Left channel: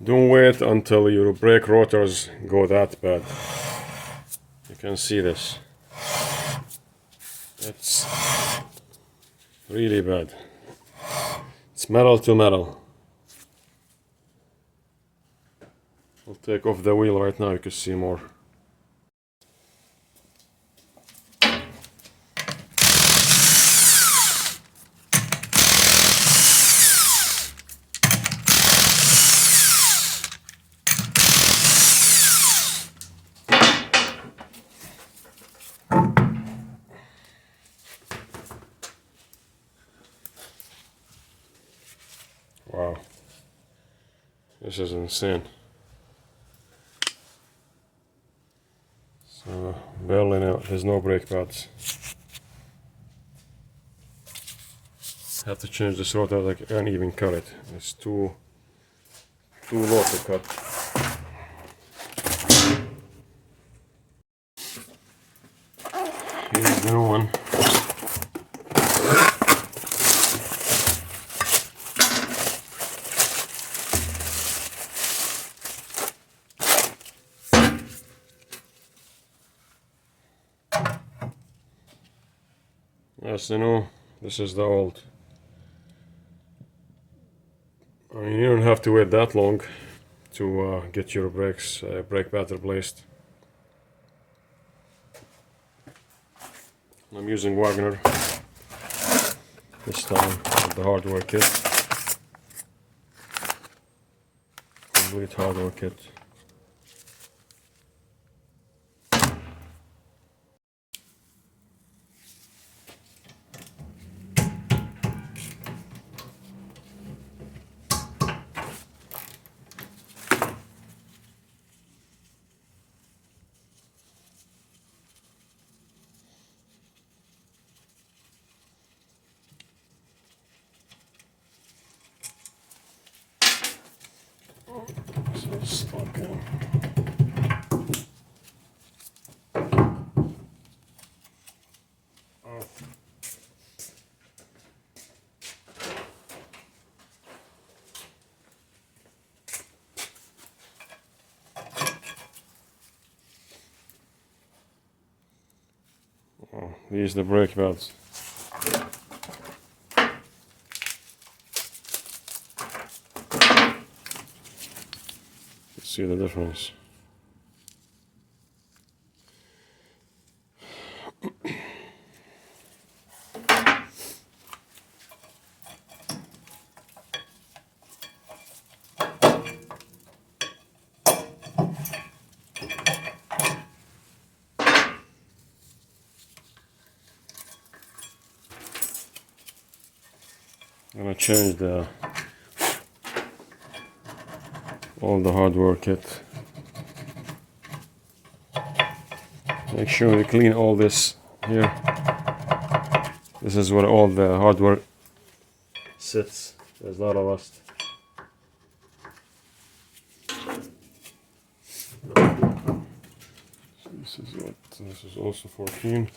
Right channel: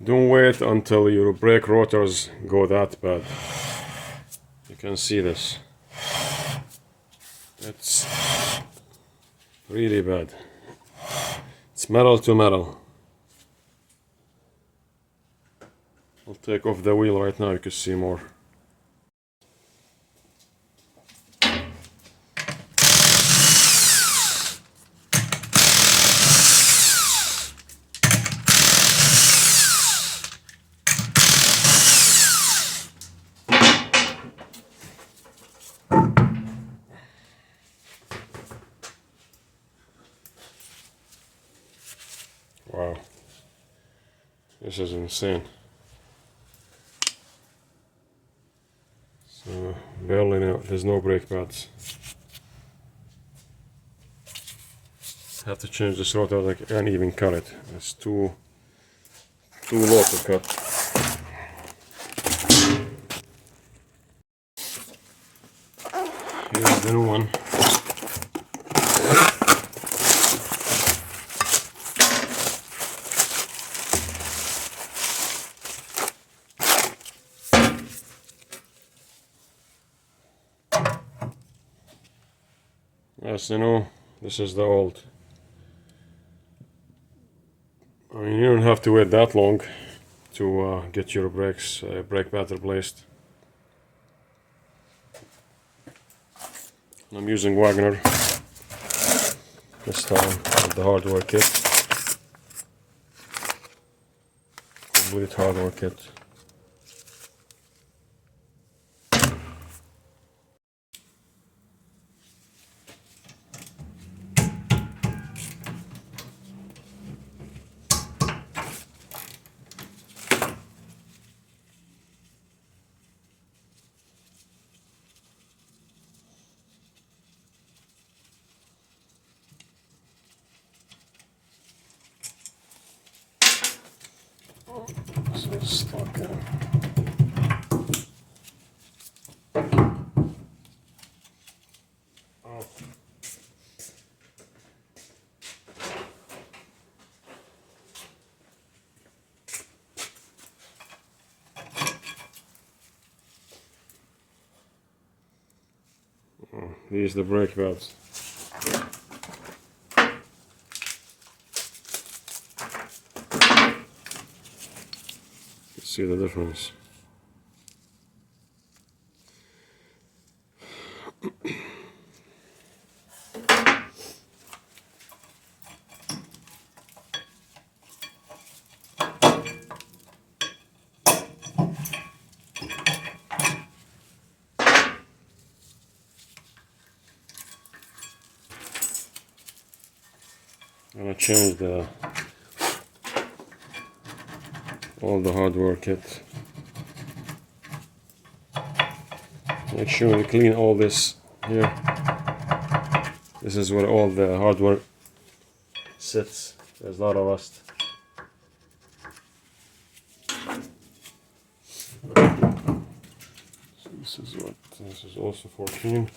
Don't wait until your brake rotors go that bad. You can see this. It's really bad. It's metal to metal. I'll take off the wheel right now, you can see more. Wow, this is insane. So barely there's no brake pads. Have to change this rotor, like I can't even cut it. It's too low to cut. Here's the new one. Yes, you know, this is the old. I mean, you don't have to wait that long to get your brake pad replaced. I'm using Wagner this time with the hardware kit. Complete hardware kit. So it's stuck in. Oh, these are the brake pads. See the difference. I'm gonna change all the hardware kit. Make sure you clean all this here. This is where all the hardware sits. There's a lot of rust. So this is also for clean.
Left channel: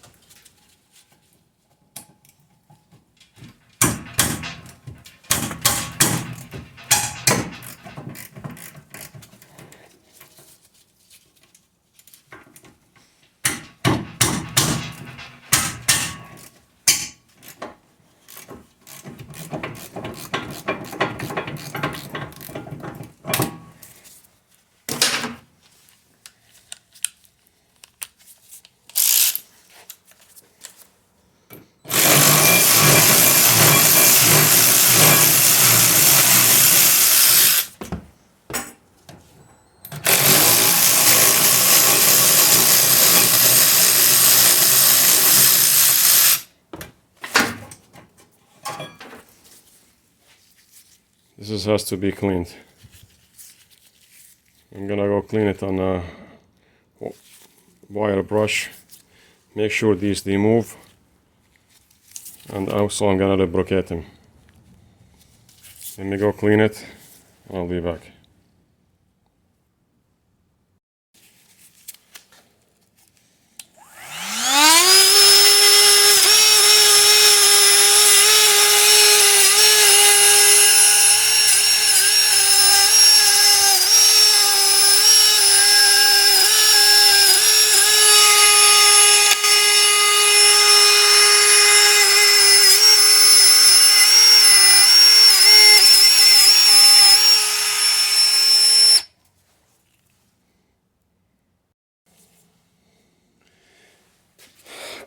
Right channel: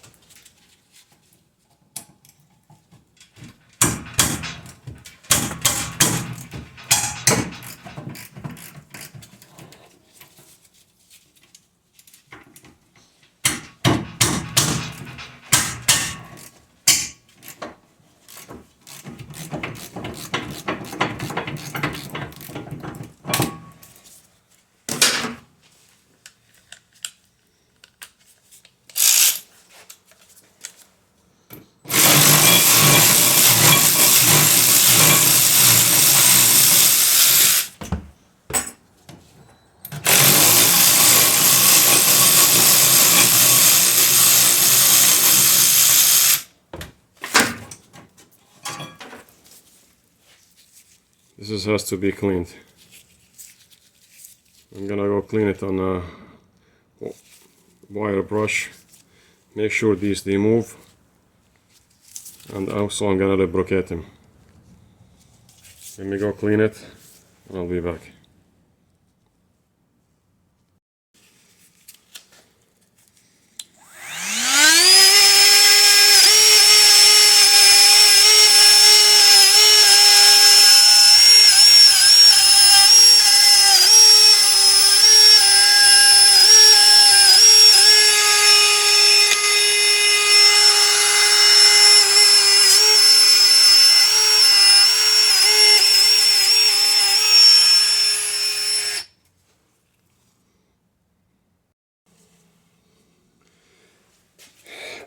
This has to be cleaned. I'm gonna go clean it on a wire brush. Make sure these remove, and also I'm gonna lubricate them. Let me go clean it. I'll be back.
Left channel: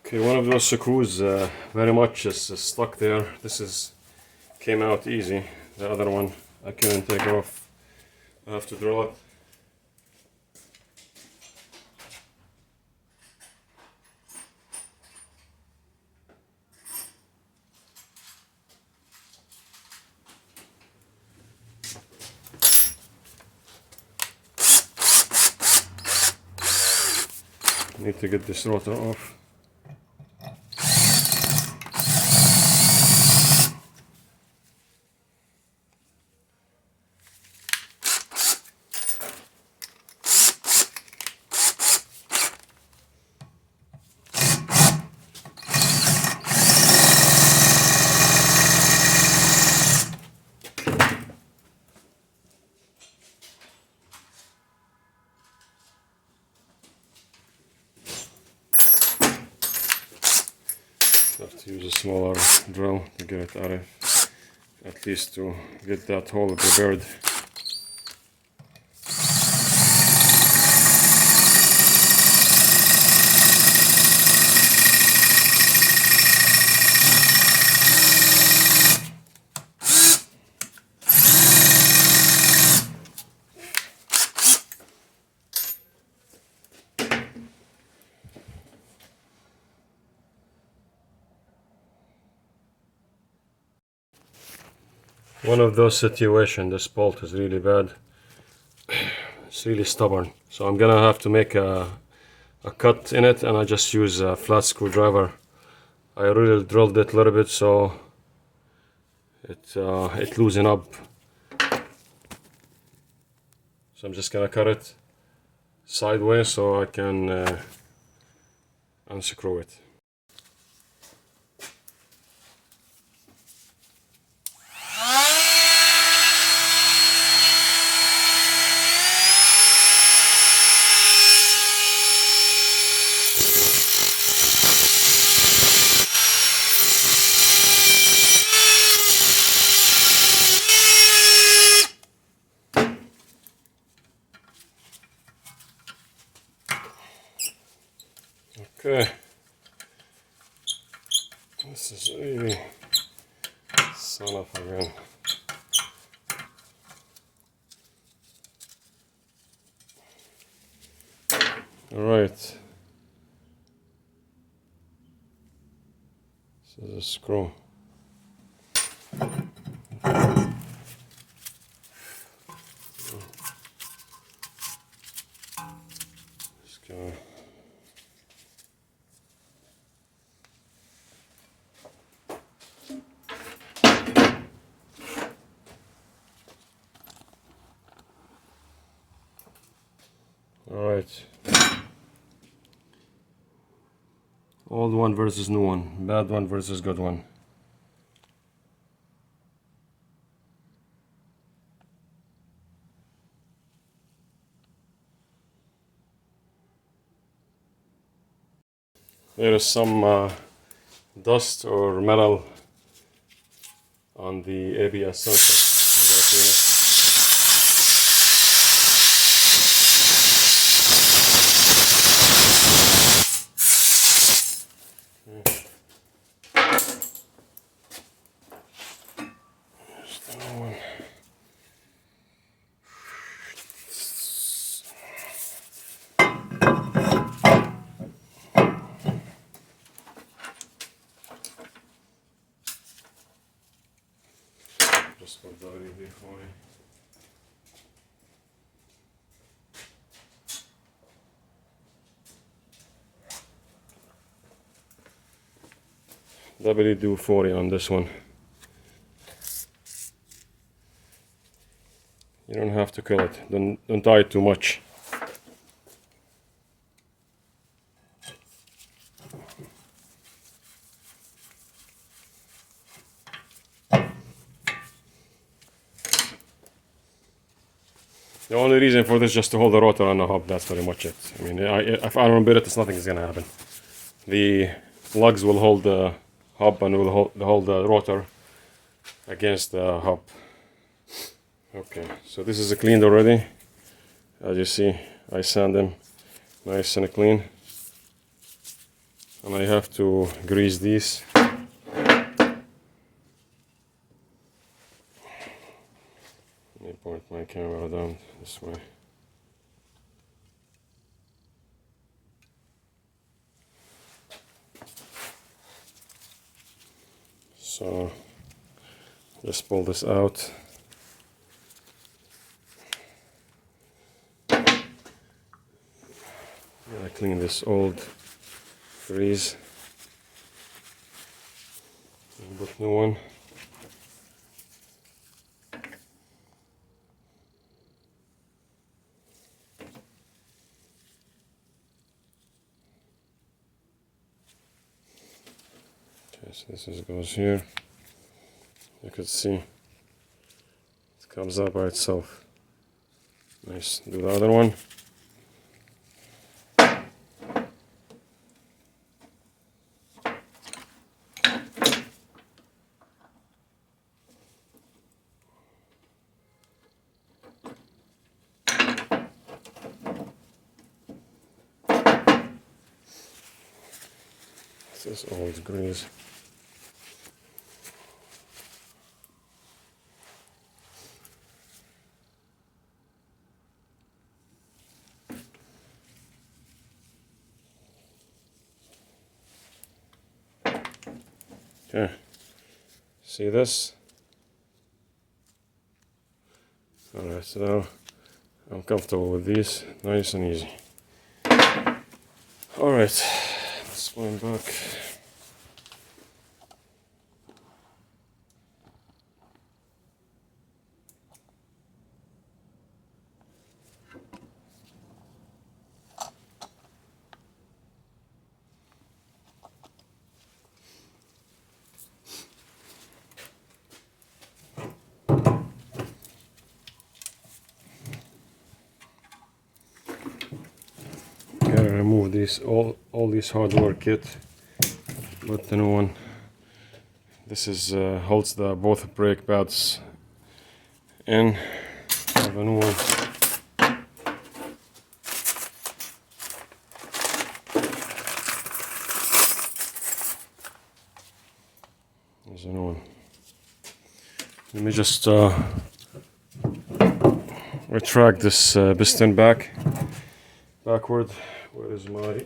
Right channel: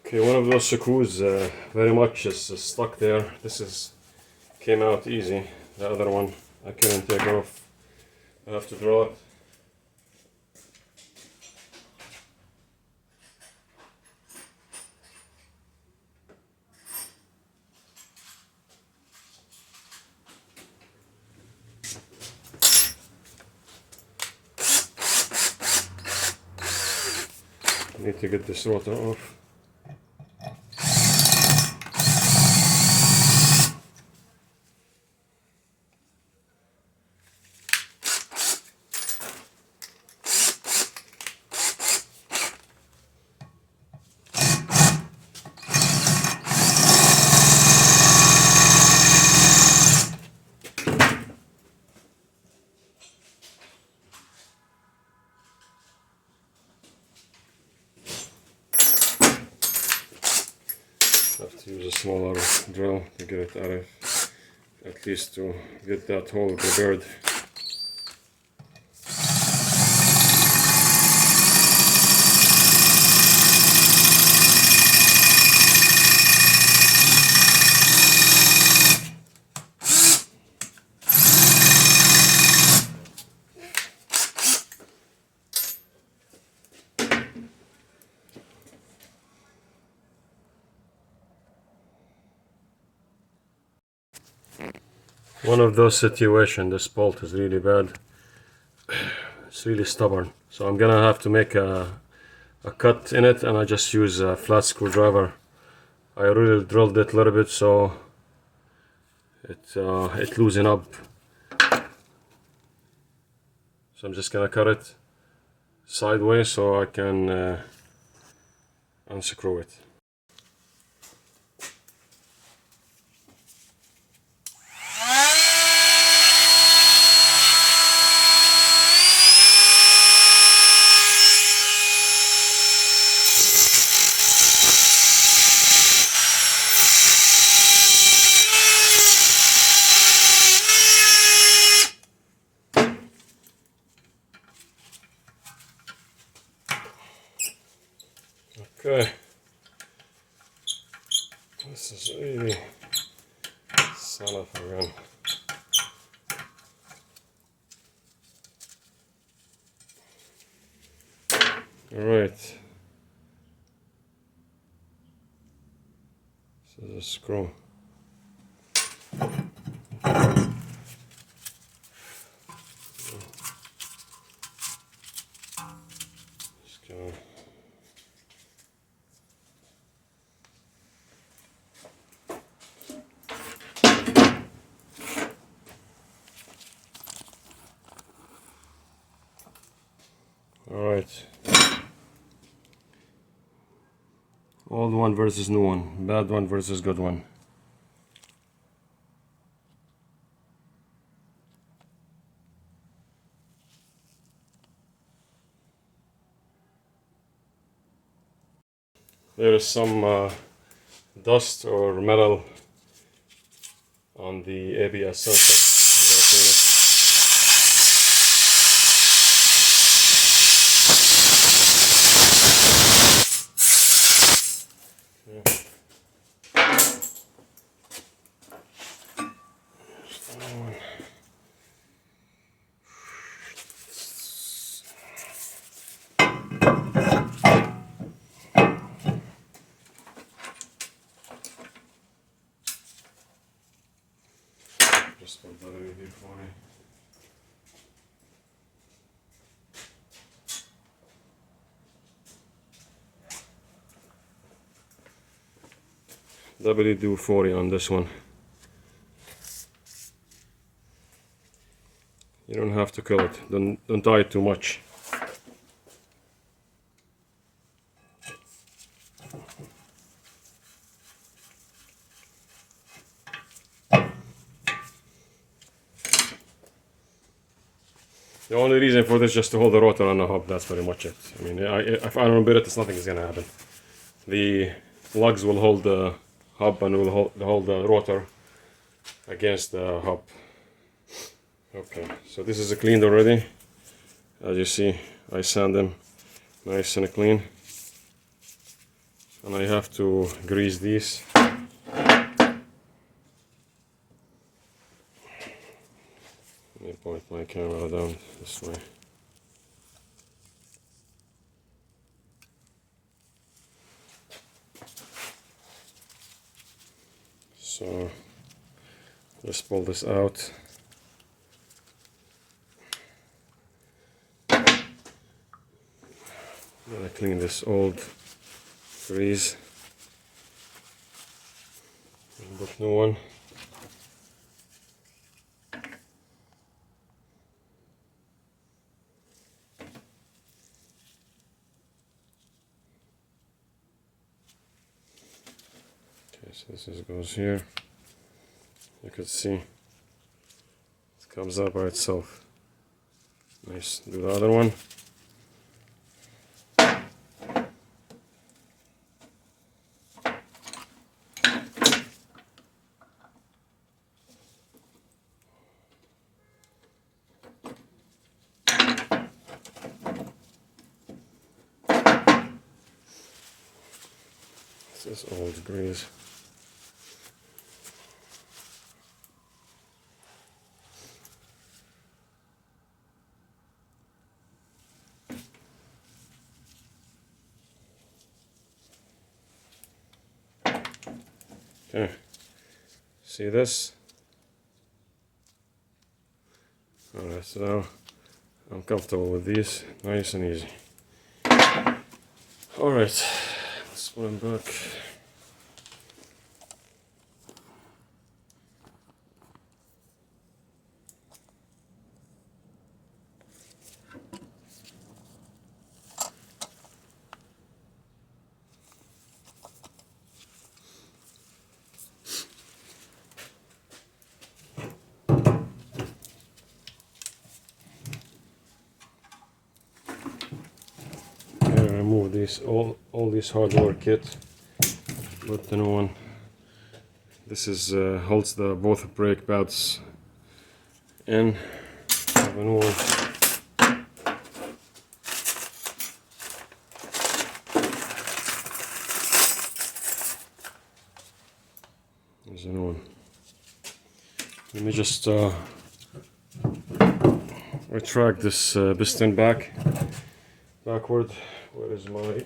Okay, one of those screws very much is stuck there. Came out easy. The other one I couldn't take it off. I have to draw it. I need to get this rotor off. Have to use a smaller drill to get it out of, at least to get that hole prepared. One of those situations, this bolt is really bad. It's really stubborn. So I'm gonna have to make a cut in it, and I just use a flat screwdriver. I really drilled it a little bit so it loosen up. So I'm just gonna cut it sideways so I can unscrew it. Okay, this is really son of a gun. All right, this is a screw. Just gonna all right. Old one versus new one. Bad one versus good one. There is some dust or metal on the ABS sensor. I'm gonna clean it. Just put that in here for me. WD-40 on this one. You don't have to kill it. Don't tie it too much. The only reason for this is just to hold the rotor on the hub. That's pretty much it. I mean, if I don't bit it, nothing is gonna happen. The lugs will hold the hub and will hold the rotor against the hub. Okay, so this is cleaned already. As you see, I sand them nice and clean. and I have to grease these. Let me point my camera down this way. So just pull this out. Gotta clean this old grease and put new one. Okay, so this goes here. You can see it comes up by itself. Nice. Do the other one. This is old grease. Okay, see this? Alright, so now I'm comfortable with these, nice and easy. Alright, let's put them back. Remove these all these hardware kit with the new one. This is holds the both brake pads in. The new one. There's a new one. Let me just retract this piston backward. Where is my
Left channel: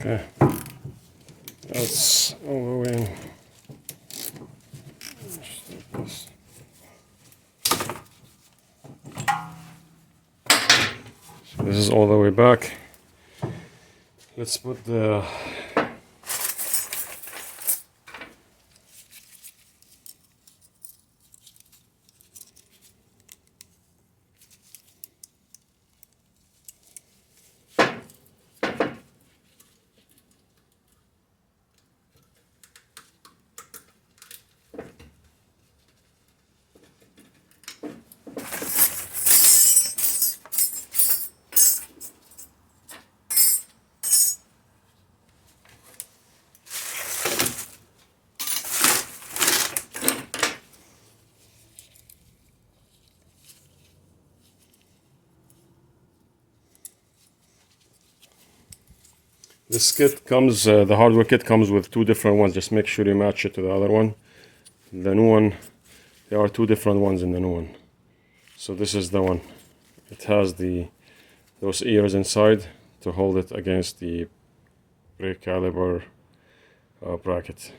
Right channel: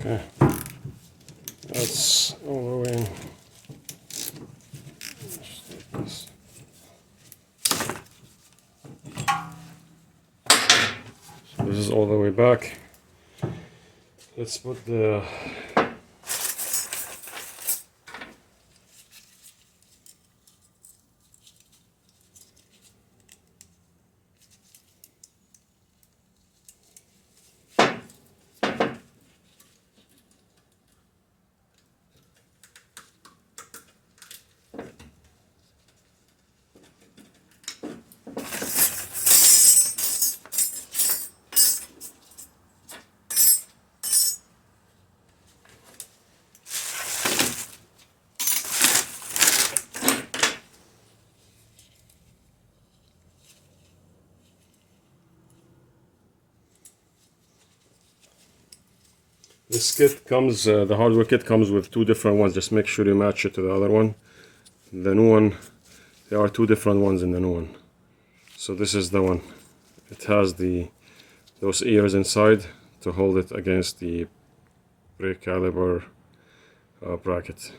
okay, that's all the way. This is all the way back. Let's put the this kit comes, the hardware kit comes with two different ones. Just make sure you match it to the other one. The new one, there are two different ones in the new one. So this is the one. It has those ears inside to hold it against the brake caliper bracket.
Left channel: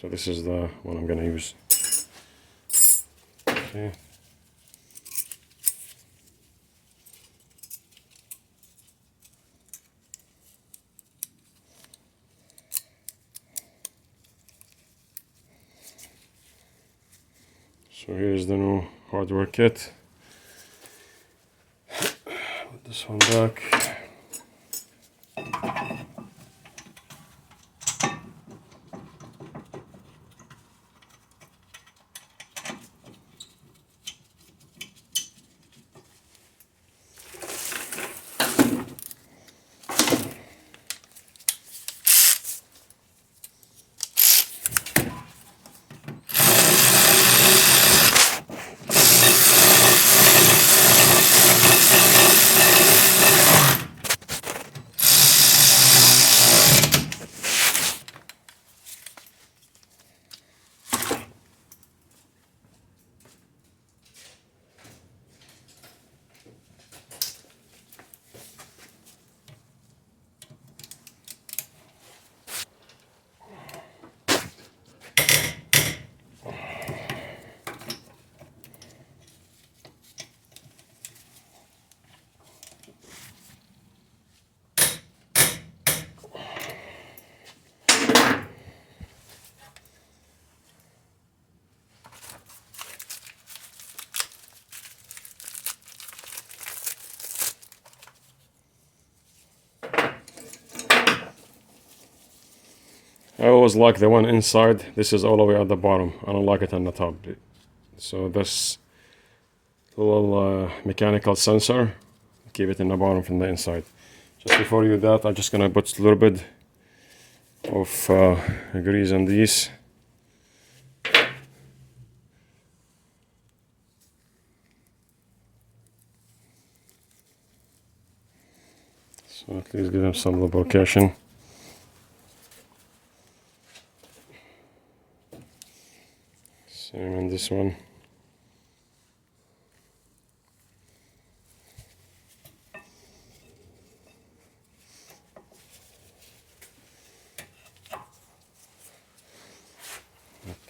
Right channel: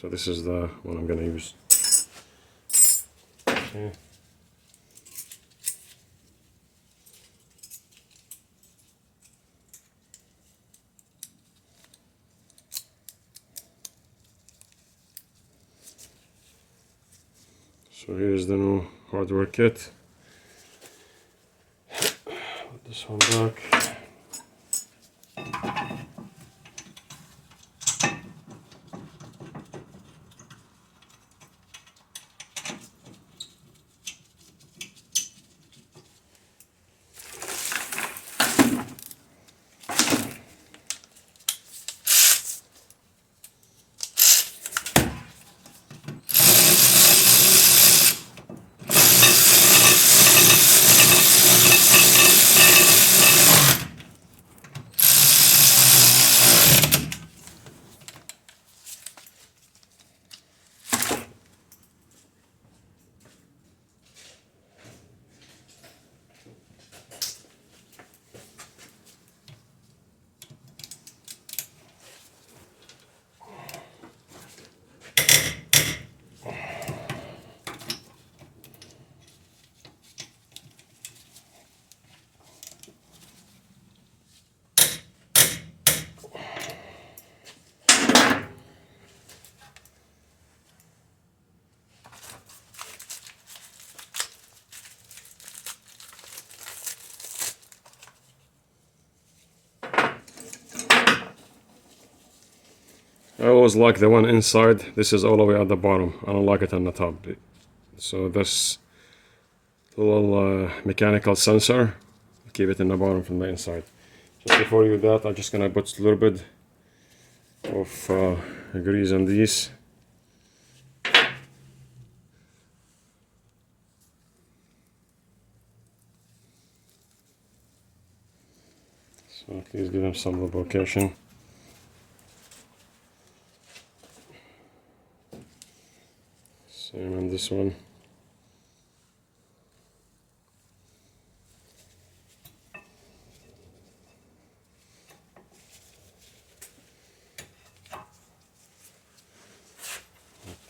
So this is the one I'm going to use. Okay. So here's the new hardware kit. Put this one back. I always like the one inside. This is all the way at the bottom. I don't like it on the top. So this little mechanical sensor, keep it in the bottom from the inside. Just before you do that, I'm just gonna put a little bit of grease on these. So at least give them some lubrication. Same on this one.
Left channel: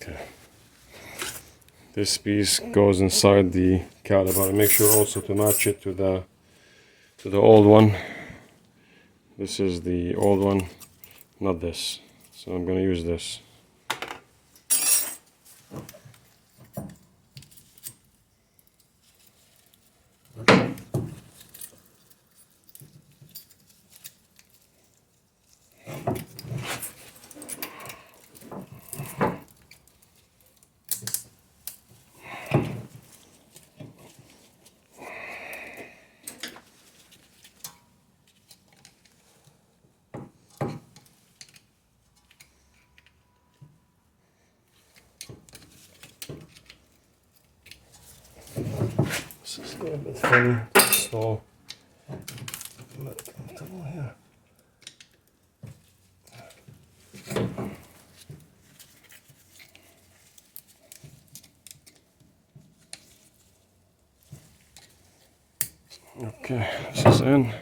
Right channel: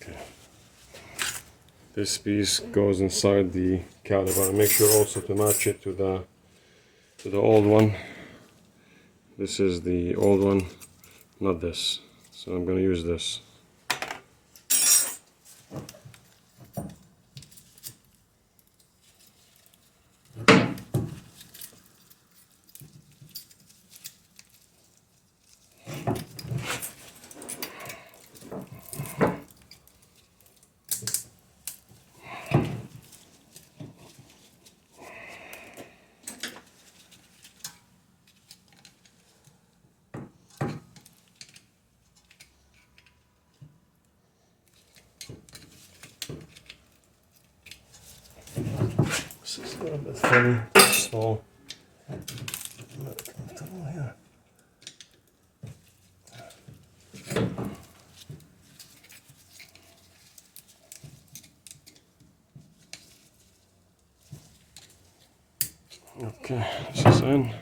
Okay. This piece goes inside the caliper. Make sure also to match it to the old one. This is the old one, not this. So I'm going to use this. This is a little bit funny, so comfortable here. Okay, this is in.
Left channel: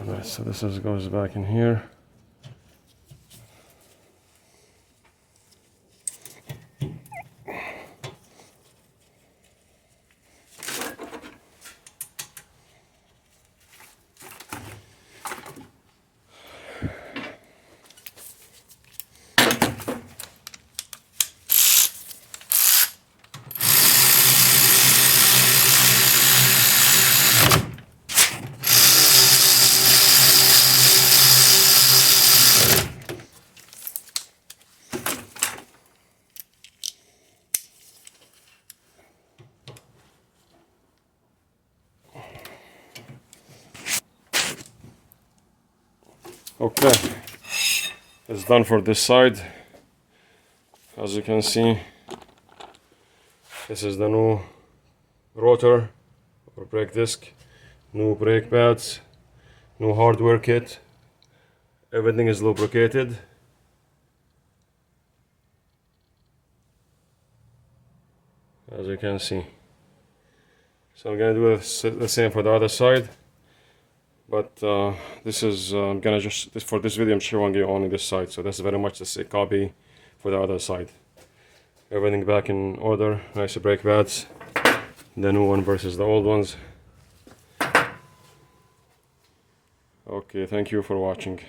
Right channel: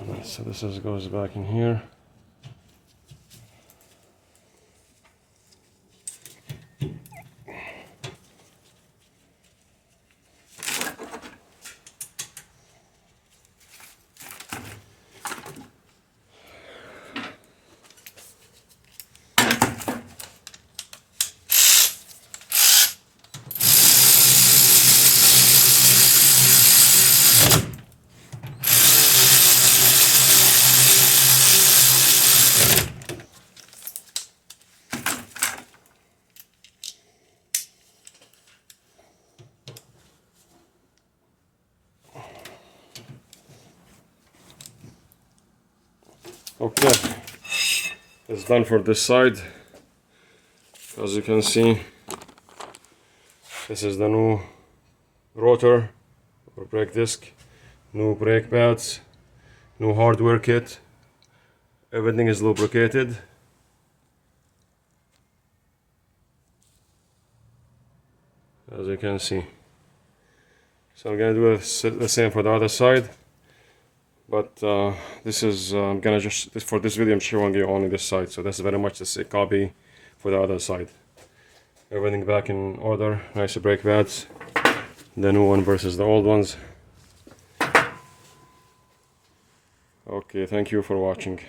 Alright, so this goes back in here. Okay, it's done for this side. As you can see, this is the new rotor or brake disc, new brake pads, new hardware kit. Everything is lubricated. As you can see, So I'm gonna do the same for the other side, but this is I'm gonna just for this video I'm showing you only this side, so that's very much the same copy for the other side. Everything back in order, nice brake pads, the new one versus the old ones. Okay, thank you for watching.